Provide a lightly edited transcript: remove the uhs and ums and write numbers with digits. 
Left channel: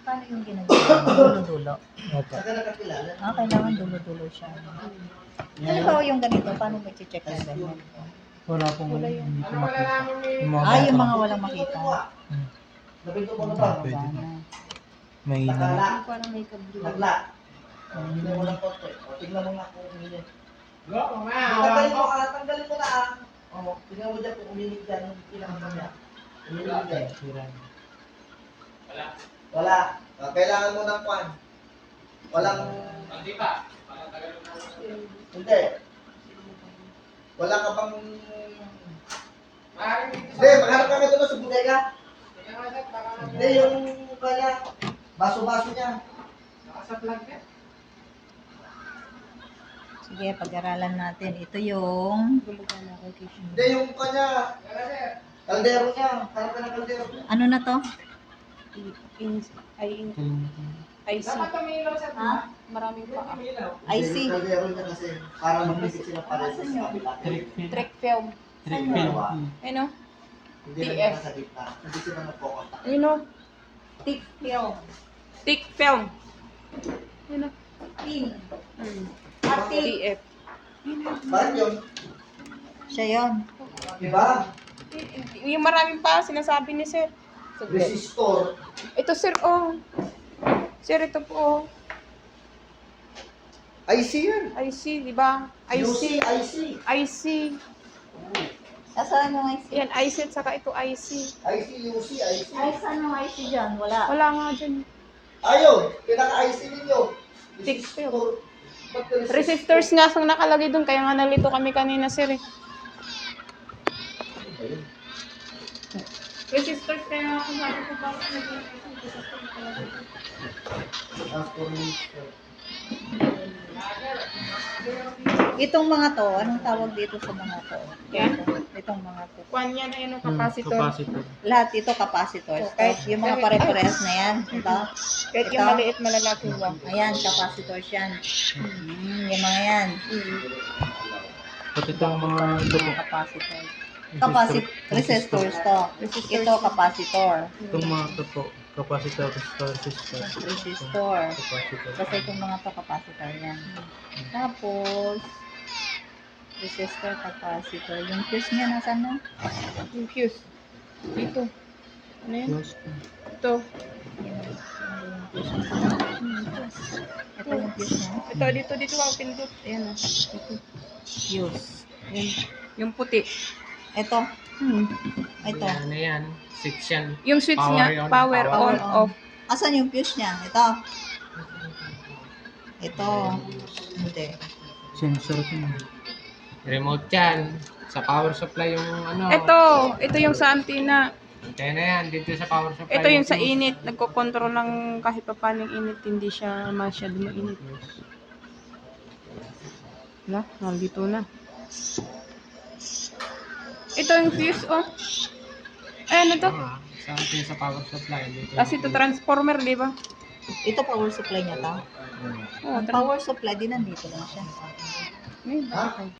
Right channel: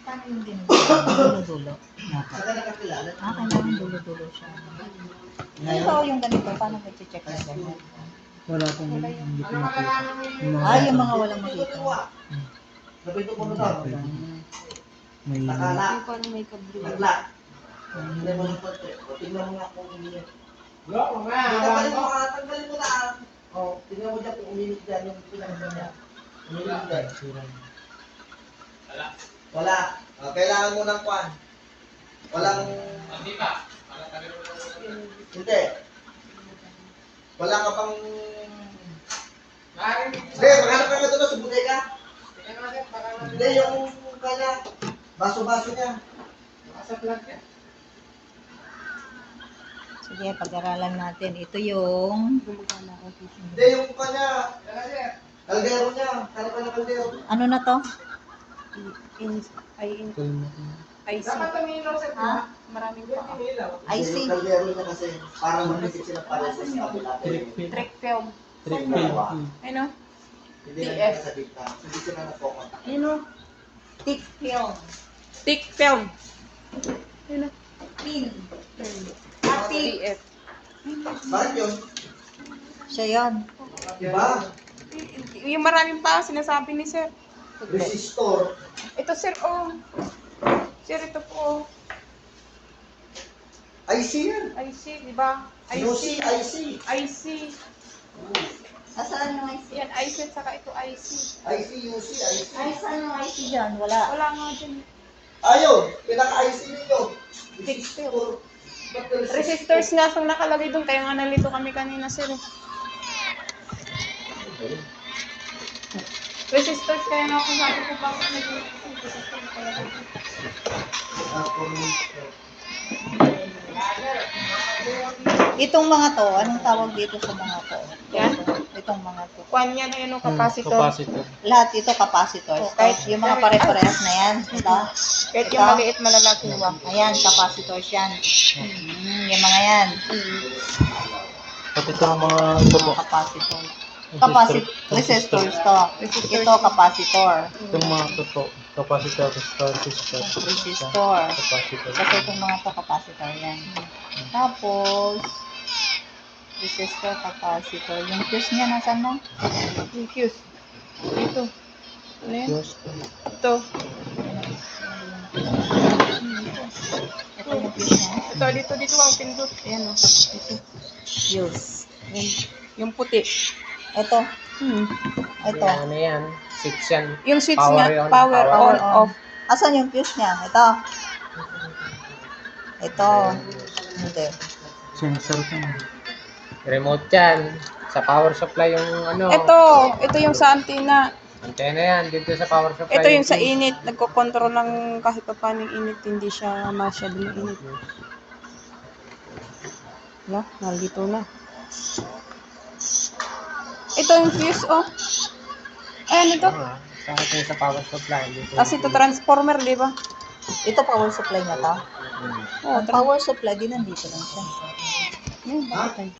Paano yung ginagawa? Dulo-dulo? Opo. Kailangan dulo-dulo siya. Ito yung ganito, paano ba i-check na ganyan? Wala pong hindi ko makita. Yung mga walang makita. Pwede na. May Yung parang may kablo. Hindi mo lang konti. Tingnan mo nga kung uminit. Tanggalin mo na. Tingnan mo dyan kung uminit dyan yung pinakasamya. Uminit dyan. Wala. Kailangan mo ng kwan. Walang... Hindi. Wala ka pang... Hindi, maghanap ka nga doon sa bodega. Hindi, yung kanya. Baso-baso niya. Sige, pag-aralan natin. Ito yung... Gumagana. Okay. Hindi, yung kanya. Kaldero niya. Harap ka ng kaldero. Ano na to? IC. Ha? Maraming paa. IC. Yung kaldero niya kasi. Para magpipit sila pares sa kabila. Trick film. Trick Ano? Hindi na TF. nasa gitna. Hindi sila nagpokontak. Ayun o. Tick film. Tick film. Ayun o. Pin. Hmm. Ati. TF. Bakit yun? Siya yun. Diba? Yung maraming paa, sinasabi ni sir. Resistor. Ito sir, oh. Sir, ito po. IC yan. IC, di ba? UC, IC. IC. Nasaan yung IC? Yan, IC at saka ito IC. IC, UC, IC. Ay, saan yung IC dyan? Wala. Wala nga dyan. Ayun, pinaka-IC ninyo. Resistor. Ba't ka resistor? Resistors nga ang nakalagay doon, kaya nga nalito kami kanina sir. Resistors kaya nga kung sabi ko bakit naging resistor nakalagay doon. Itong mga to, anong tawag dito sa mga to? Yan. Itong mga to. Kwan yan ay ano, capacitor. Lahat ito capacitors. Oh, kahit Yung mga pare-parehas na yan. Ito. Kahit yung Ito. maliit malalaki wak. Ayan, capacitors yan. Yung mga yan. At ito ang mga ito po. Capacitor. Resistors to. Resistors. Ito capacitor. Itong mga ito po. Capacitor, resistor. Resistor. Capacitor. Kasi itong mga to capacitor yan. Tapos, resistor, capacitor. Yung fuse niya, nasan na? Yung fuse. Dito. Ano yan? Fuse. Ito. Ito yung fuse niya. Ito, dito ang pindot. Ayan o. Ito. Fuse. Yung puti. Ito. Ito. Ano yan? Switch yan. Yung switch Power niya, on. power on, off. Asan yung fuse niya? Ito. Ito. Hindi. Sensor ko. Remote yan. Sa power supply yung ano. Ito yung sa antenna. Antena yan. Dito sa power supply. Ito yung sa init. Nagko-control lang kahit pa paano yung init. Hindi siya masyadong init. Wala, nandito na. Ito yung fuse, oh. Ay, ano to? Sa atin sa power supply. Dito. Kasi ito transformer, di ba? Ito power supply niya to. Oh, Ang power supply din nandito lang siya. bakit tayo?